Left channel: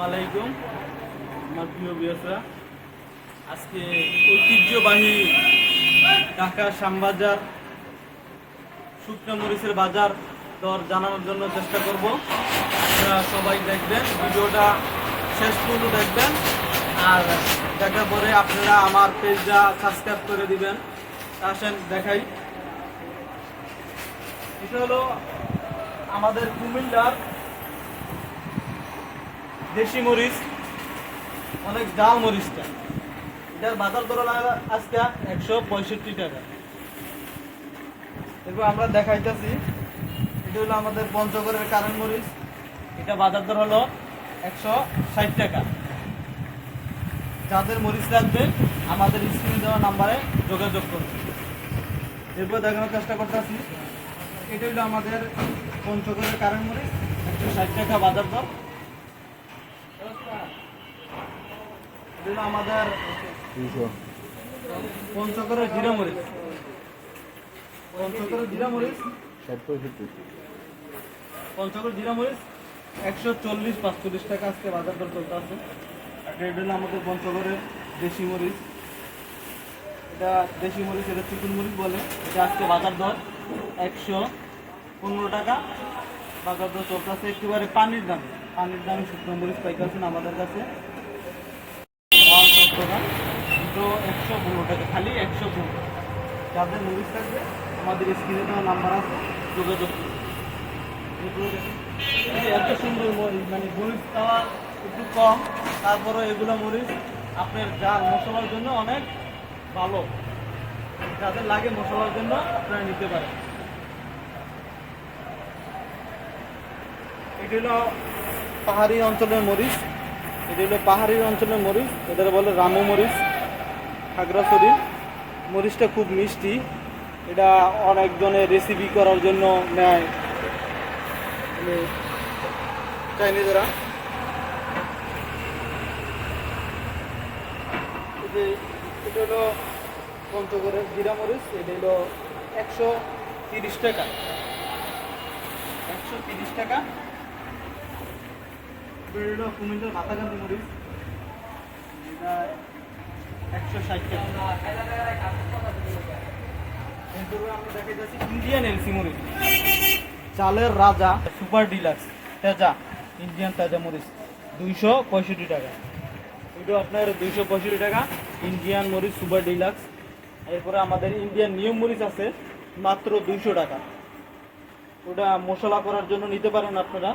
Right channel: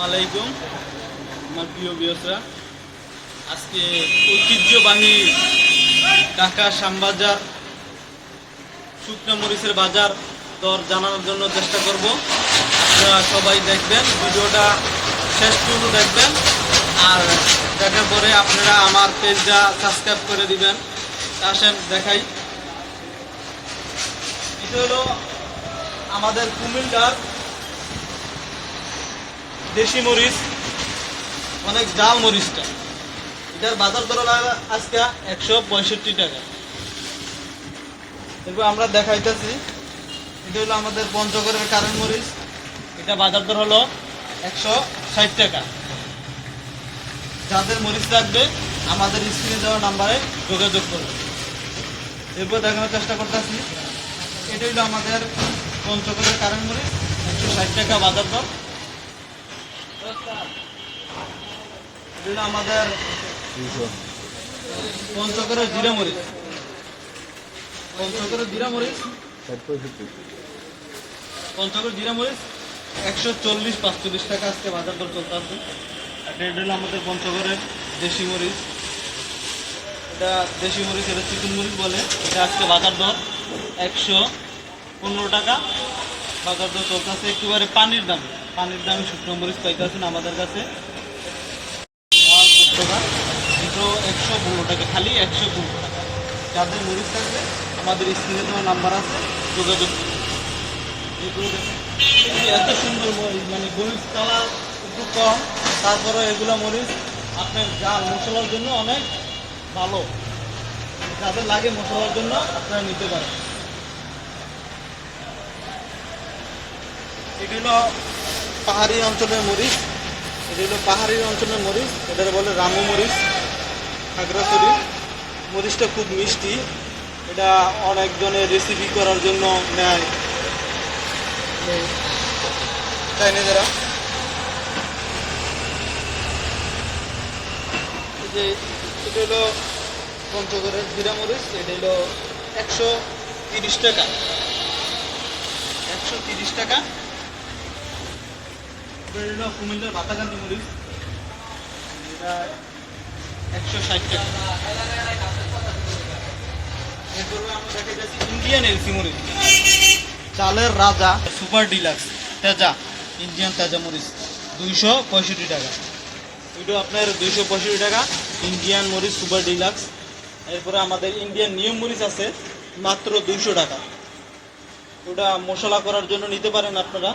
আলাইকুম আমার প্রিয় বিয়সরা আজকে ঐতিহ্যবাহী ঢাকা শ্যামবাজার, শুকনো মরিচের বাজার দর জানানোর জন্য চেষ্টা করব। আপনারা সবাই দেখবেন, ভিডিওটা শেষ পর্যন্ত দেখবেন। আর দেখার পরে আপনারা আমার পেজটা সাবস্ক্রাইব করে দিবেন। আসেন, দেখাই। এটা হলো আমাদের কুমিল্লার দেশি মরিচ, অনেক জাল মরিচটা। এটার বাজার দর আজকে একশো পঁয়ষট্টি টাকা। এরপর আমরা দেখাইতেছি, এটা হলো আমাদের পঞ্চগড়ের কারেন্ট মরিচ। এটা বাজার দর হলো একশো ষাট টাকা। যাদের মরিচ লাগবে, আমাদের স্ক্রিনে দেওয়া নাম্বারে যোগাযোগ করবে এরপর দেখানোর চেষ্টা করতেছি, এটা হলো আমাদের পঞ্চগড়ের কারেন্ট মরিচ, একশো ষাট টাকা বাজার দর। আমাদের পঞ্চগড়ের জিরা মরিচ। জিরা মরিচ। জিরা মরিচ একশো চল্লিশ পাঁচচল্লিশ টাকা আজকে বাজার দর চলতে আছে। আর এটা হলো আমাদের পঞ্চগড়ের দেশি মরিচ। এটা দেশি মরিচ এটা চিকন মরিচ বলে। এটা আজকে বাজার দর একশো পনেরো টাকা। বাজার দর চলতে আছে একেবারে পানির দামে। পানির দামে শুকনো মরিচ পাইতেছেন আমাদের কাছে টাকা। দুটো একশো পনেরো টাকা, খালি একশো পনেরো যাদের মরিচ থাকবে, আমাদের স্ক্রিনে দেওয়া নাম্বার আছে, যোগাযোগ এগুলো যে এত সুন্দর মরিচ মানে মরিচ পাওয়া একটু কম, তারপরে এগুলো মরিচ আপনার গান মশলার জন্য অনেক ভালো। যাদের লাগে মশলার জন্য আপনারা নিতে পারেন। এটি হলো পাহাড়ি অঞ্চলের মরিচ। এটি হলো পাহাড়ি অঞ্চলের মরিচ এদের বলে রামু মরিচ, খাগড়াছড়ি। মরিচটা খুব মিষ্টি, এটা অনেকজনের রেসিপি করার জন্য নেয়। চাইনিজেরা যে, এটা হলো পঞ্চগড়ের জিরা মরিচ, এটা হলো একশো তিরিশ টাকা। একশো তিরিশ টাকা। এটা কুমিল্লার মরিচ। এটা একশো ষাট টাকা। ইন্ডিয়ান এলসি মরিচ। চালের রাজা super deluxe Teja Indian Teja মরিচ, দুইশো পঁয়ষট্টি টাকা। এটা আপনার দুইশো পঁয়ষট্টি টাকা ইন্ডিয়ান মরিচ সুপার ডিলাক্স এরপরে আমাদের ইন্ডিয়ান নিউ মরিচ আছে, মাত্র দুইশো টাকা। ওটা মশলা করার জন্য নিতে পারেন আপনারা।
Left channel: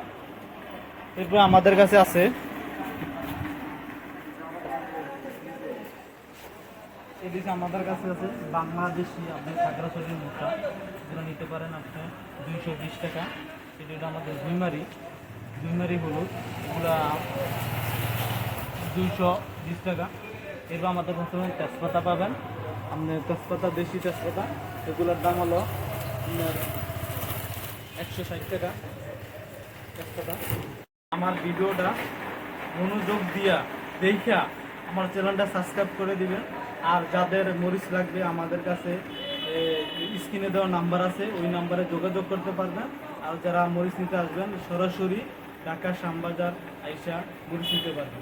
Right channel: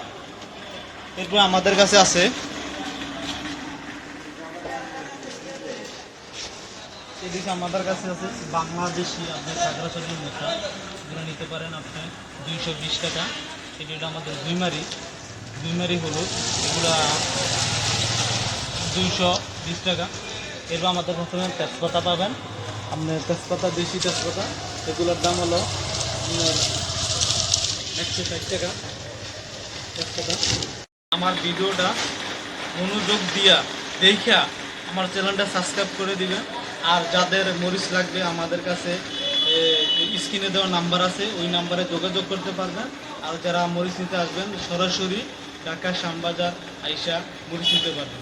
এরপর আমাদের কাছে আছে। এদিকে আমাদের কাছে আছে বাংলাদেশি আপনি খাগড়াছড়ির মোটা এগুলো নিতে পারেন আপনি দুইশো বিশ টাকা। এটি হলো আমাদের দুইমারি দুইমারি হলুদ। এগুলো দুইশো বিশ টাকা। এরপর আমাদের কাছে তেজপাতা পাবেন। আপনি তেজপাতা, দেশি তেজপাতা, এগুলোর দাম হলো আপনার একশো ষাট টাকা। তেজপাতা। আমার ভিডিওটা মনোযোগ দিয়া দেখা আমার চ্যানেলটা সাবস্ক্রাইব করে দিবেন। আর যাদের মরিচ লাগবে, আমাদের কাছে স্ক্রিনে দেওয়া নাম্বার আছে, ওই নাম্বারে যোগাযোগ করতে পারবেন। আর যারা মরিচ নিতে আসবেন, সরাসরি ঢাকা শ্যামবাজার আইসা মরিচ নিতে পারবেন।